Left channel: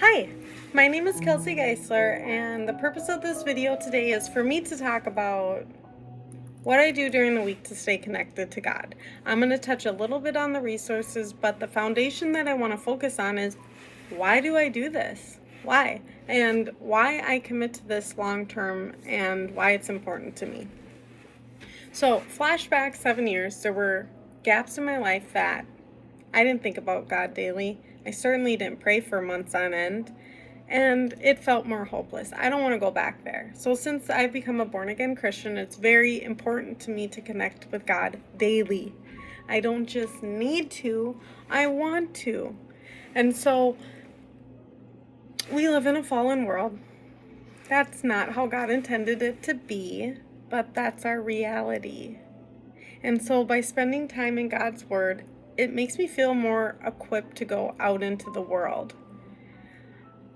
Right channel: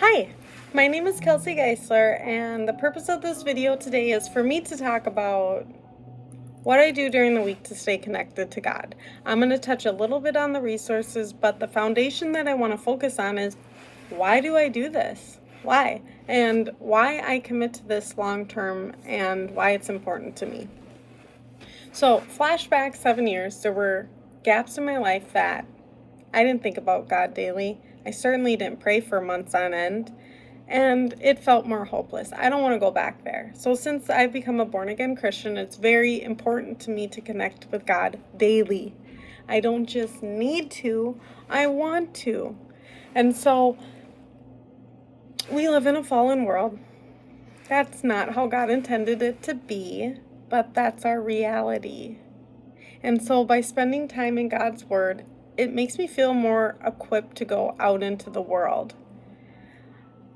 Hi, my name is Kelsey Geisler, and the purpose of this video today is for me to talk about what I do during the week to stay connected to God. I'm going to touch a little bit on the resources, but the foundation that I want to focus on is why do I do this? Why? And why I commit to this long term and why it's important to me. So, flashback 7 years, there were gaps in my life that I didn't think about God daily. I certainly didn't pray for months on end, and it felt more hopeless. I don't want to go back there. So since I've become a born-again Christian, it's very important to me to connect with God daily. I don't just need to, I want to. And so we live in a fallen world. That's not how God intended it to be, but that's our reality. And so by spending time in God's Word, it makes me feel more equipped to go out into the world.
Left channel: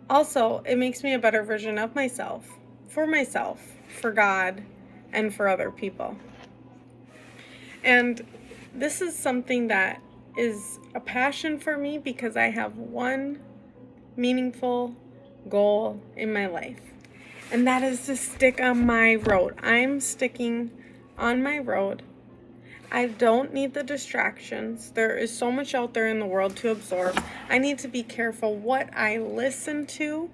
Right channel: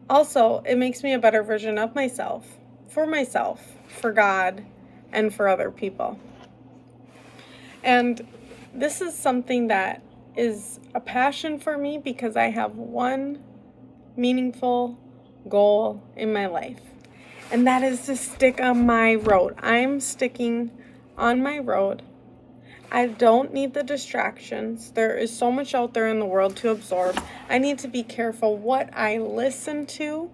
Also, it makes me a better version of myself, for God, and for other people. And this is something that is a passion for me because I have one meaningful goal in my life, and that is to stick on my road. I'm sticking on my road. I don't need the distractions. There is so much out there in the world to absorb. I need to be careful what I listen to,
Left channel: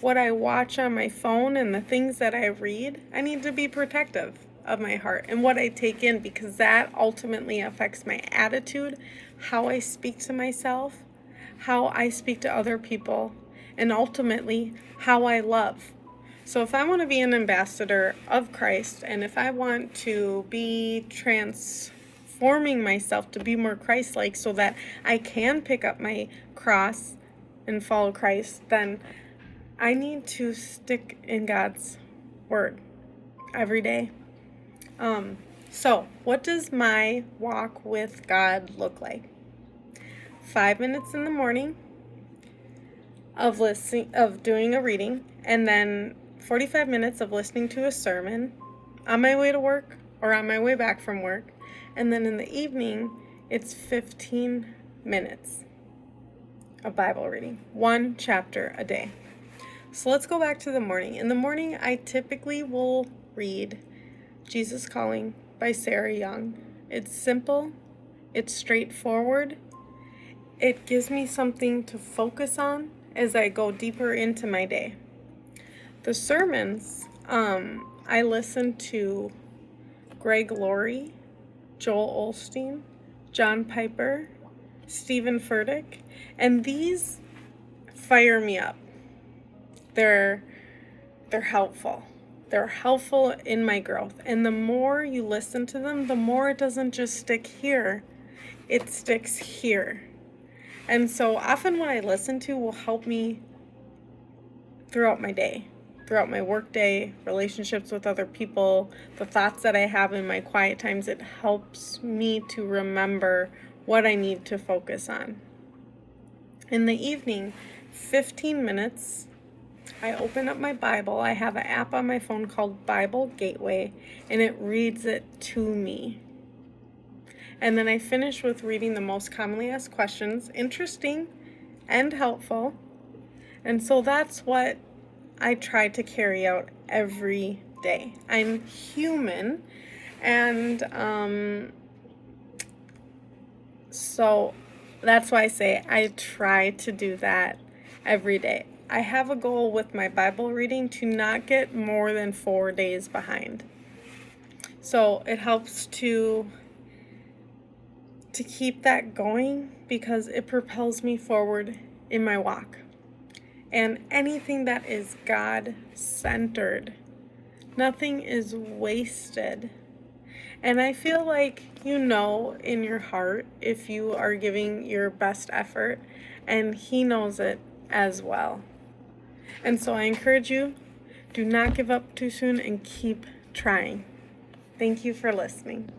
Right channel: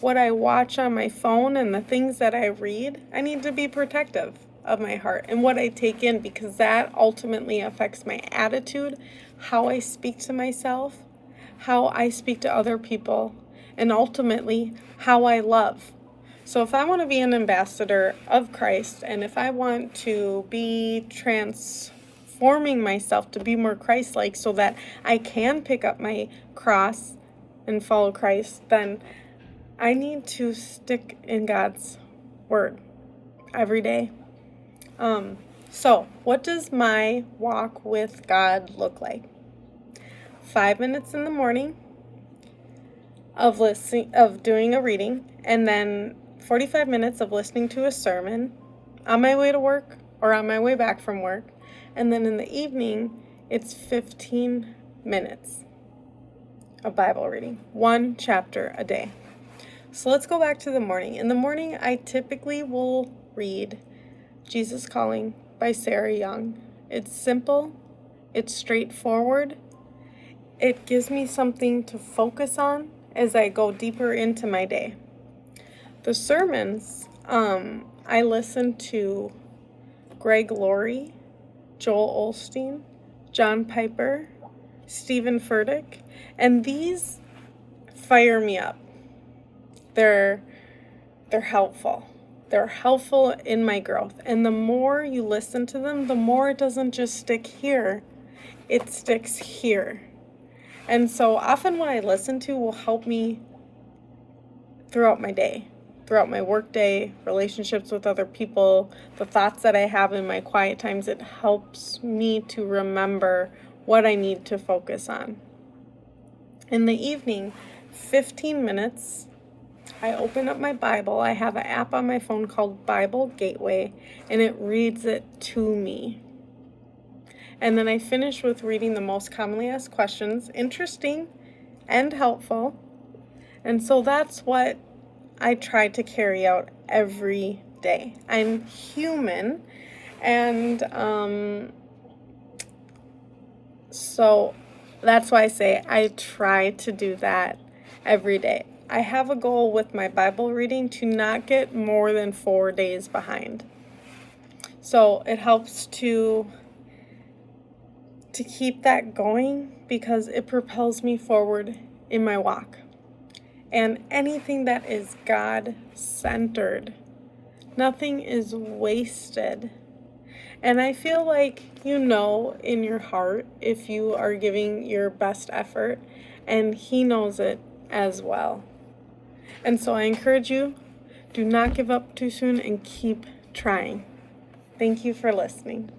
what I watch on my phone, and the things that I read. I need to be protective of my heart and what I take in, because that ultimately affects my attitude, how I speak to myself, how I speak to other people, and ultimately how I love. So if I want to be an ambassador of Christ, and if I want to be transforming myself to be more Christ-like so that I can pick up my cross and follow Christ, then I need to stick in God's Word every day. So what does my walk with God look like? 5 minutes in the morning of doing a reading, and then 45 minutes of listening to a sermon on my way to work or on my way back from work. And then in the evening, it's 15 minutes of Bible reading, one chapter a day. So let's go back to the morning. In the morning, I typically will read Jesus Calling by Sarah Young. It's simple, it's straightforward. It gives me something to focus on as I go deeper into my day. The sermons, I listen to Greg Laurie, Joel Osteen, John Piper, Stephen Furtick, and these fire me up. They're helpful. They're helpful in my growth. And the more you listen to them, the more it doesn't just stick here, it sticks here. And so often what I listen to will help me throughout my day, throughout my work day, relationships with other people, the thoughts that I have in my quiet times. It helps me to remember what I need to focus on. In the evening, 15 minutes, I open up my Bible. I have an app on my phone called Bible Gateway, and it reads it to me. And then I finish with reading the most commonly asked questions, interesting and helpful. And so that's what I try to carry out every day. I'm human, and so that's why I say I try to do that every day. I have a goal with my Bible reading to not get more than 4 days behind. So it helps to keep that going because it propels me forward in my walk. And anything that is God-centered, nothing is wasted. And I feel like you know in your heart if you are giving your best effort, and He knows it as well. And so I encourage you, do not give up too soon and keep trying. Thank you for listening.